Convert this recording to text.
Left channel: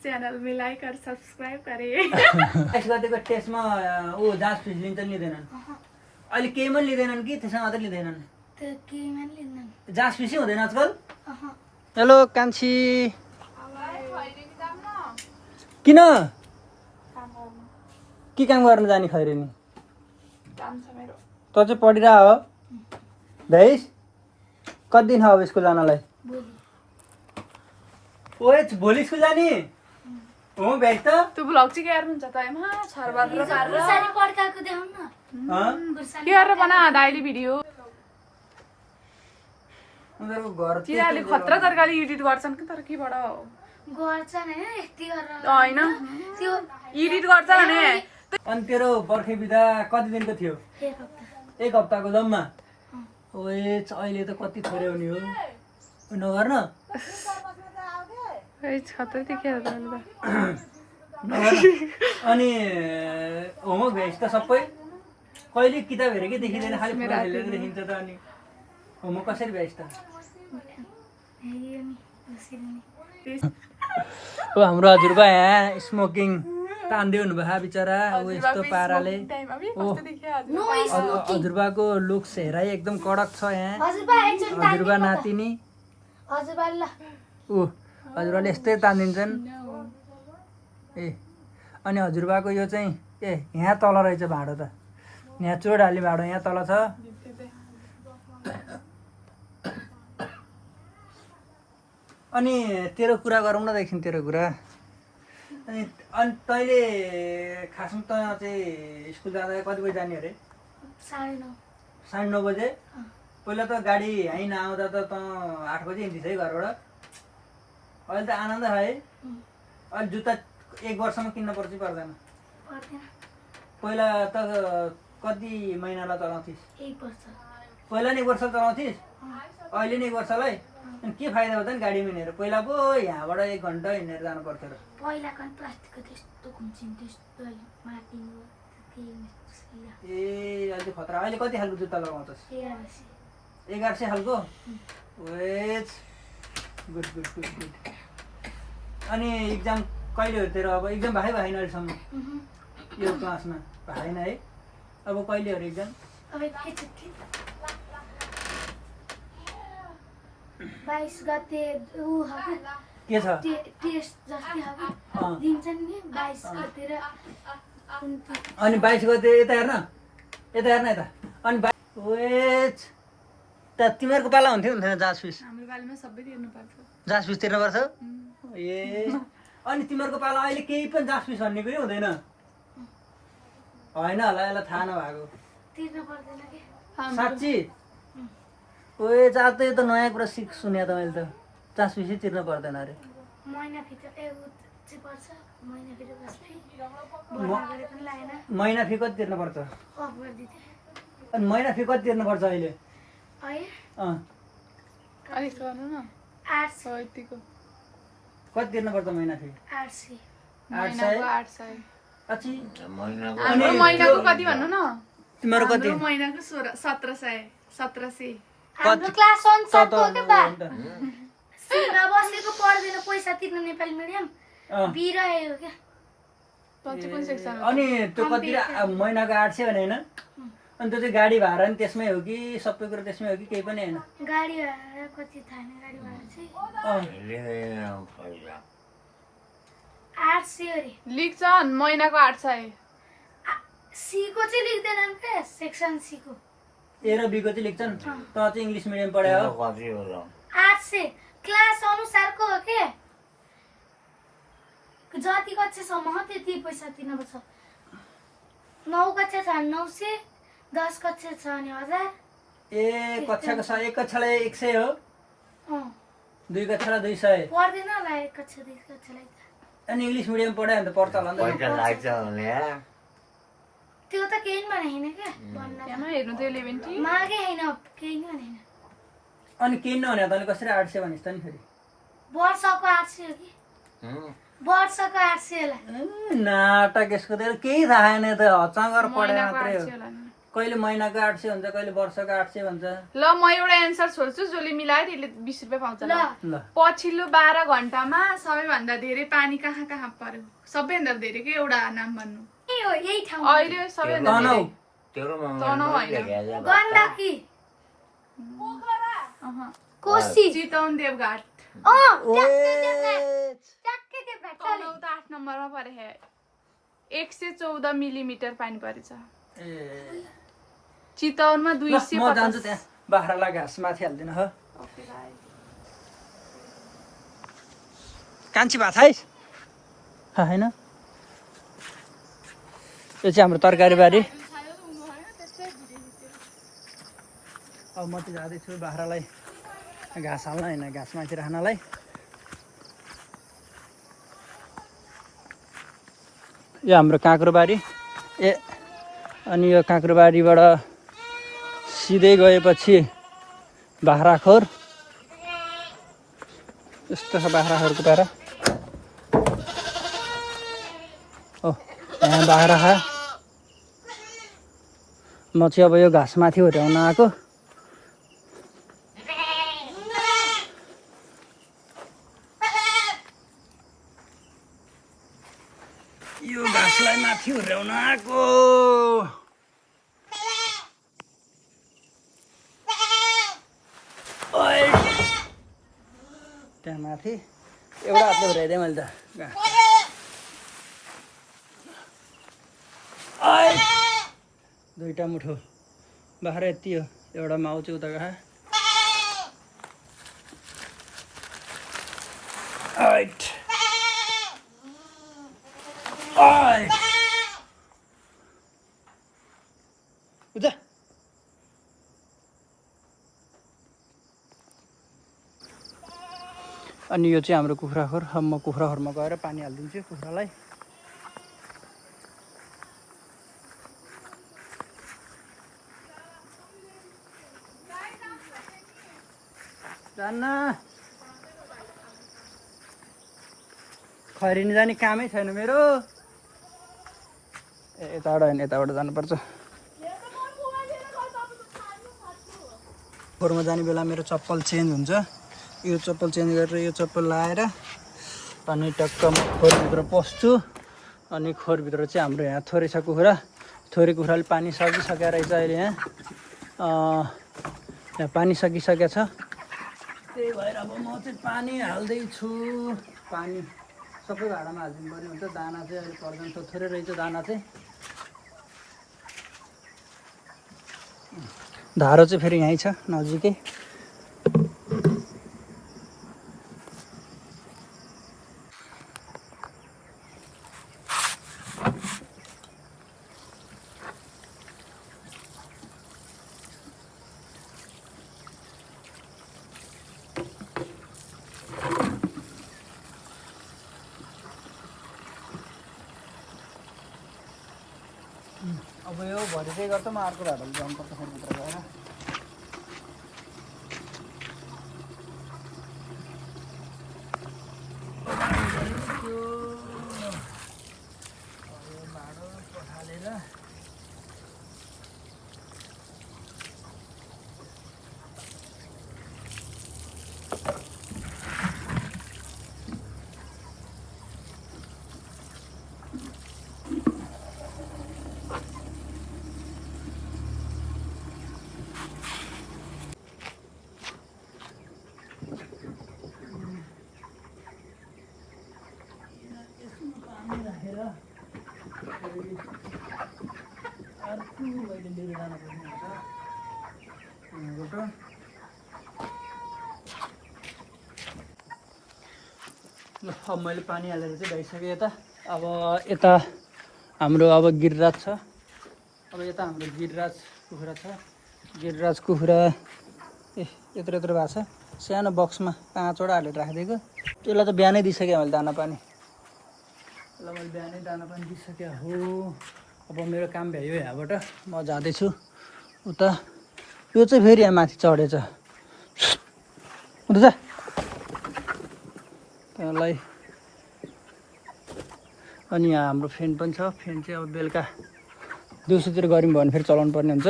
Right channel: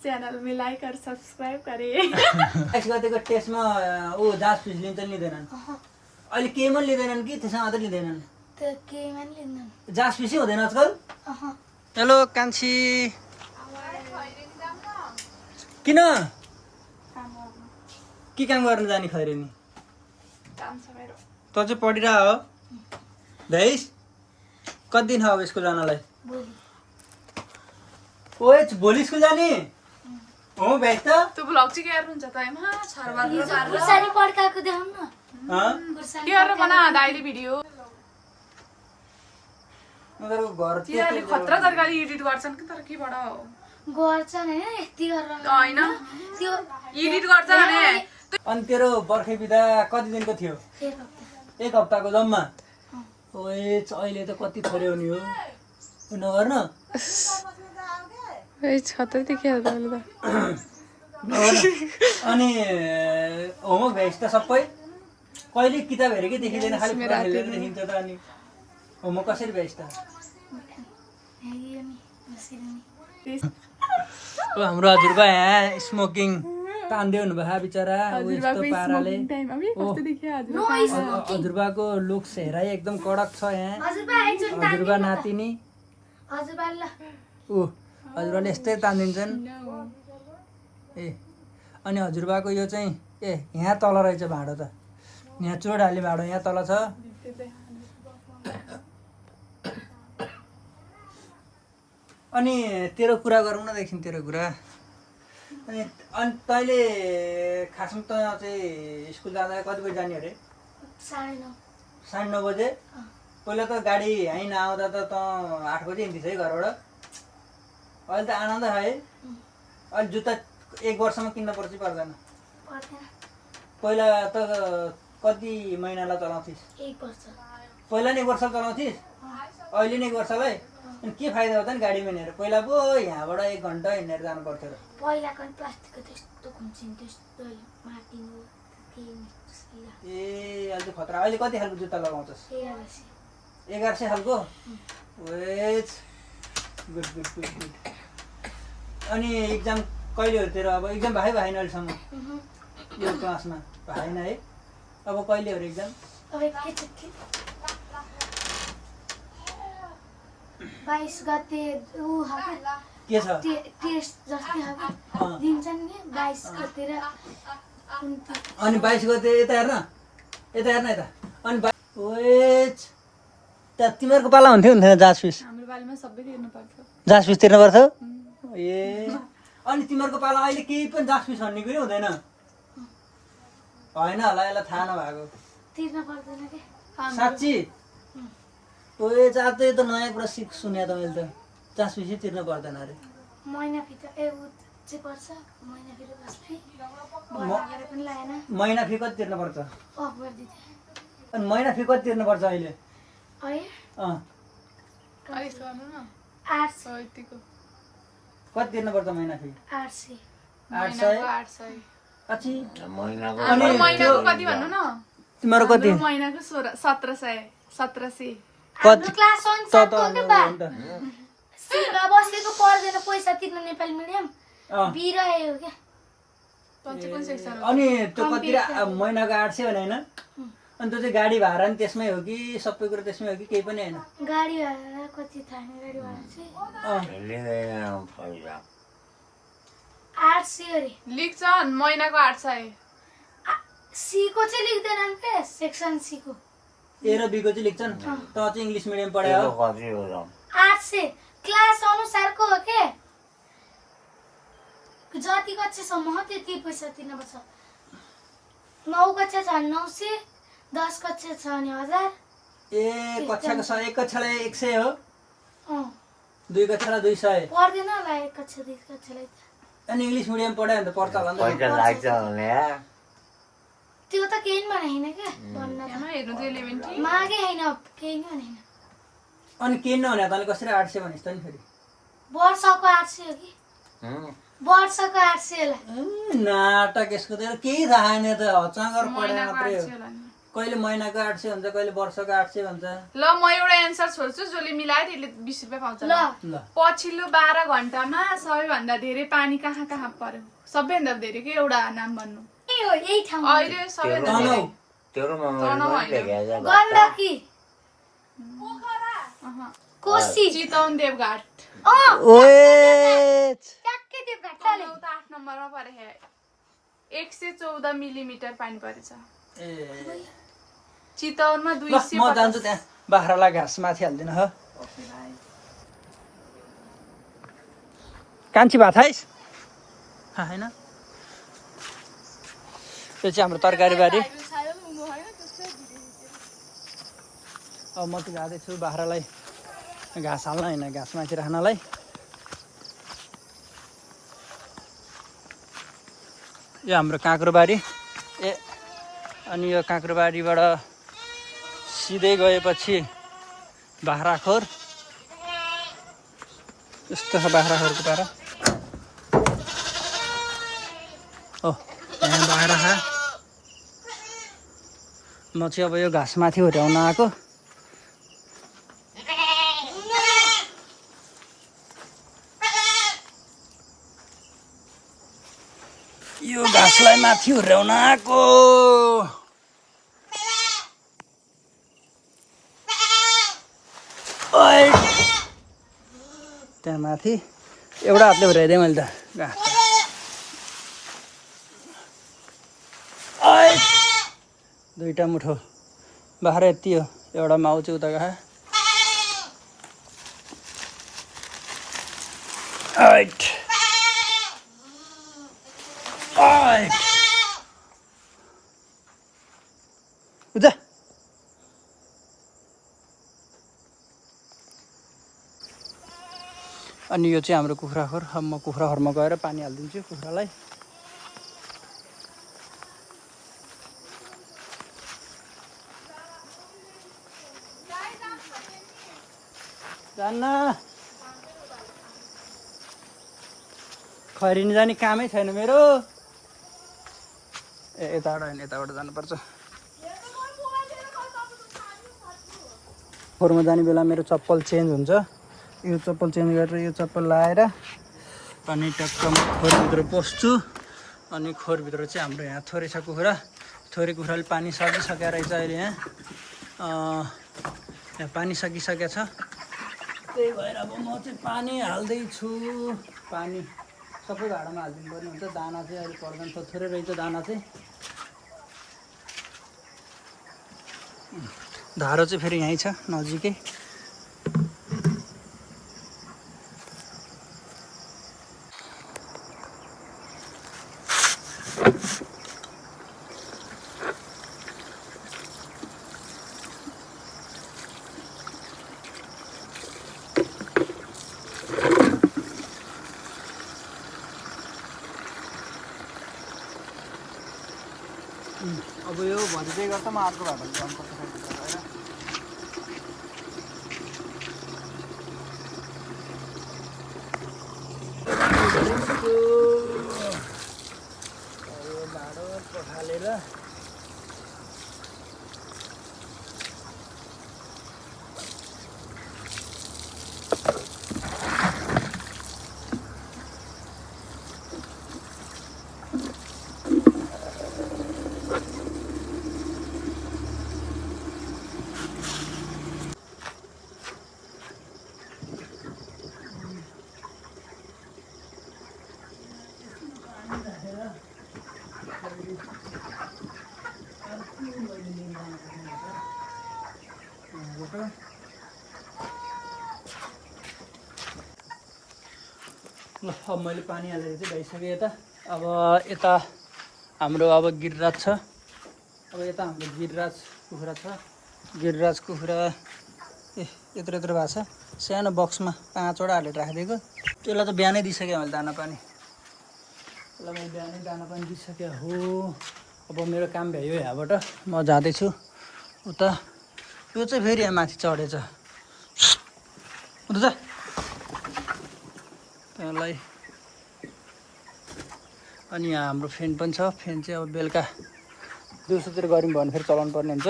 Channel में like और subscribe करें। टेस्ट गर्दैको टेस्टमा ऊ जाँच फिस लिन्छन् लिँदैनन्? अहिले केहीमा लिँदैनन् कि त्यसमा मात्रै लिँदैनन्? जाँच फिसै हुँदैन आजकल? हेलो कान्छी, किन के काम गर्न जाने खैरे नि? त चाहिँ पढिरह हो भैस? कति दिन हो अब स्कुल जानलाई? ओए भोलि स्कुल जाने हो भैस? त त्यो ब्लग चाहिँ के गर्नुहुन्छ त एमा छरबार गुरसानी पड्काएको देखाउँ न के गरेर बना दाइले भिडियो उनीहरू घर तिनीहरूले खतरा तरकारी एडिट गर्छन् कि तर केबाट हो गर्छन् हैन यति गरेर हैन त्यो एडिट गर्छ भने अनि तेरो बर्खे बिदा कति दिनको थियो? एक हप्ताको जम्मा? ओए अहिले त कति थोरै हुने हो नगर न। ए छतै देखियो त अनि होमवर्क भेज त सबै कहिले किताब हेरेकै देखिँदैन, खालि फोन खेलेर देखिन्छ त। अनि होमवर्क कसरी भेज त? ओ हाम्रो हजुरबा यहाँ स्मोकिङ तान्दै हुनुभयो बिचरा। ऊ यस्तो पाराले हजुरबाको लुक्स हेराइ एकदम कडक छ यहाँ। हजुरबा नातिनी ऊ हजुरबाले यस्तै तानिदिन्छन्। ए अनि हजुरबाको यो चाहिँ ए यहाँ तल रहेछ भाँडो त, यहाँ चोड हाली भाँडो यहाँ तल छ। अनि तेरो कुरा गरौँ न एकछिन, तेरो कुरा। अनि तैँले खासमा त चाहिँ स्कुल जाँदा कति बजी जाने अरे? 9:30 बजे? पहिला त गाडी यहीँ नआउँदा त 8 बजी हिँड्थ्यस् है घरबाट। अहिले त आनन्द है। अहिले जुत्ता 1 वर्षमा किन्न पर्छ पर्दैन? पहिला त कति महिनालाई चलाउँथिस्? 1 वर्ष। पहिला नि 1 वर्ष चलाउँथिस्, अहिले नि 1 वर्षलाई? अनि के फाइदा हो त नि गाडीमा हिँडेर? पहिला पो यहाँबाट 1 घन्टा हिँडेर जानु पर्थ्यो र। पहिलाको प्लास्टिकको त्यस्तो खुम्चिन त्यस्तो मार्टिनु ए अहिले खतरा। अहिले कति खालको जुत्ता लगाउँछस्? 1100 खालको? Wedge good good good good. अनि इक्जाम कहिले हो तेरो? अब इक्जाम भएन अहिलेसम्म यो क्लासमा? भएन है? अब कहिले हो इक्जाम? अब 22 गते के छ? टेस्ट जस्तै दिन्छन् नि 22 गते। अनि 22 गते यता हेर्न, यता हेर्न यता। अनि वेज त तिमीहरूको पाला हुन्थ्यो जाँच फिस? हाम्रो बालमा सबै तिर्नुपर्छ। जाँच फिस तिर्नुपर्छ? ए अनि तिमीहरूको पाला अहिले केही पनि जाँच फिस भन्ने कुरै हुँदैन? होइन होला, यसलाई थाहा नभएको। तिर्न पर्दैन के? साँच्ची? ओए आज त यो त नयाँ कुरा सुने त मैले त। जाँच फिसै तिर्न पर्दैन अरे? महिना फी चाहिँ पर्छ, महिना फी बस फी पनि लागेन। महिना फी कति तिर्न पर्छ? अफ गरिदिथे। अनि महिना फी कति तिर्न पर्छ अहिले? है 800 यतिको कति तिर्न पर्छ महिना फी? 800। 800? अच्छी। अनि महिनाको कति भन्नु न? तिम्रो कति? महिनाको 1700। हाम्रो क्लास अनुसारको हो के बा? सीमा बसेको पर्दैन पैसा तिर्न नेपाली मिडियम बिरहे हो के? अनि त्यो कति महिनाको 800 भने होइन? अनि त्यो चाहिँ गाडी भाडा नि त्यसमै हो कि सबै कुरा त्यसमै हो कि केही पनि होइन? गाडी भाडा कति थाहा नि? गाडी भाडा चाहिँ 800 अरे लेख्छन् महिनाको 800। सी को चाहिँ लेख्दैनन् के? सेक्सन सी को ए र बी को चाहिँ लेख्छन्। त चाहिँ इङ्ग्लिस मिडियम पढायो? 800 क्लास अनुसारको हो के? जति कक्षासम्म हो त्यति पैसा तिर्नुपर्छ। 9 कक्षा छ भने 900, 10 कक्षा छ भने 1000। ए कक्षाको 1 कक्षालाई 100 हो, 2 कक्षालाई 200? पर्दैन होला 1 कक्षा 2 कक्षालाई। अनि इङ्ग्लिस मिडियम पढायो भने त पर्छ होला नि त? त्यो त केही पनि होइन क्या भन्न हेर्नु त्यो 11 मागे होइन केही पनि होइन। अनि केही नहुने तैँले कसरी 800 भनिस् त नि फेरि? वर्षको 800 हो कि? वर्षको 800 होला। नाटक यसको त केही थाहा छैन त, हचागर पढाए मात्रै हो। कहिले महिनाको 800 हुन्छ कहिले वर्षको 800 भन्छ ल म एउटा एन्सर छोड्छु जसले मिलायो त्यसले 20 रुपियाँ पाउँछ ल ल पछिल्लो 12 घण्टामा सबैभन्दा धेरै पानी कहाँ कहाँ पर्यो सबैभन्दा धेरै के एउटा नाम भन्नु के हो यही ठाउँमा अहिले सबैभन्दा तनौ गण्डकी कोशी चितवन देवघाट ओए ट्याक्कै त्यो घाट चले तनहुँ त 8 नम्बरमा परे है 114 मिलिमिटर पानी परेछ ए चितवनमा ल 200 म जान्छु त्यहाँ बाख्रालाई घाँस माथि हाल्दिन ह कान्छी भात खाइस् हैन त्यो चाहिँ हाम्रो तरकारी बारी अब म चाहिँ जाँदैछु बाख्रालाई घाँस हाल्न होइन घाँस माथि राख्नलाई यो हाम्रो काँक्रोबारी ए अनि यो काँक्रोबारीबाट सिधै गएपछि बाख्राखोर यस्तो छ बाख्राखोरको तर ओ यहाँ बाख्रा म चाहिँ अब यो घाँस माथि हुर्याउन आएको यो घाँसलाई माथि हुर्याउन आएको त्यहाँ माथि एउटा हातले हुर्याइदिएँ मैले त घाँस दुईटा मुठो बाख्रा यति हो एउटा माउ चाहिँ उता गए उता अनि यो चाहिँ हाम्रो कुखुराखोर अब म कुखुराखोरमा गएर पानी हालिदिन्छु कुखुरालाई जान्न खैरिनी जाने कामै छैन मेरो यताबाट होइन यताबाट जानुपर्छ खोरमा जाने बेला मेरो चप्पल चेन्ज हुन्छ यो चप्पल चेन्ज गरेर यो चप्पल लाएर अनि टक्क म खोरभित्र पस्छु अनि खोरभित्र चाहिँ हाम्रो यहाँ थोरै छ कुखुरा थोरै कुखुराले पानी सकिसकेको रहेछ अहिले यहाँ पानी सकिसकेको छ त्यही भएर अब म चाहिँ पानी हाल्दैछु पानी सबै भाँडामा हालिदिनु पर्ने हुन्छ दाना चाहिँ अहिले पर्दैन थोरै रहेछ दाना चाहिँ धारो चाहिँ फेरि यहीँ छ नजिकै अब यो भरि चाहिँ गर्दा म अर्को भाडाले जानुपर्छ भित्र गएर यो भाडो पखालेर ल अब मैले पानी हालेर चाहिँ भइसकेँ यता अब यता हाम्रो अब गिरिराज छ अब यता हाम्रो गिरिराज कुखुरा छ गिरिराज कुखुरा ए यत्रो यत्रो भएको छ सानो बक्समा 5वटा हालेर राखिदिएको त्यसलाई त बिहानै दिइसकेँ मैले दाना पानी त्यसलाई मैले बिहानै दाना पानी दिइसकेँ हो अब मेरो काम भ्यायो यहाँबाट म जाँदैछु उता यो चाहिँ फेरि यहाँ माथि चढेछ उता त्यसलाई अनि यहाँ हाम्रो फ्यान पनि छ फ्यान चाहिँ अब बेलुका दिउँसोतिर गऱ्यौँ भने फेरि चलाउनु पर्ने हुन्छ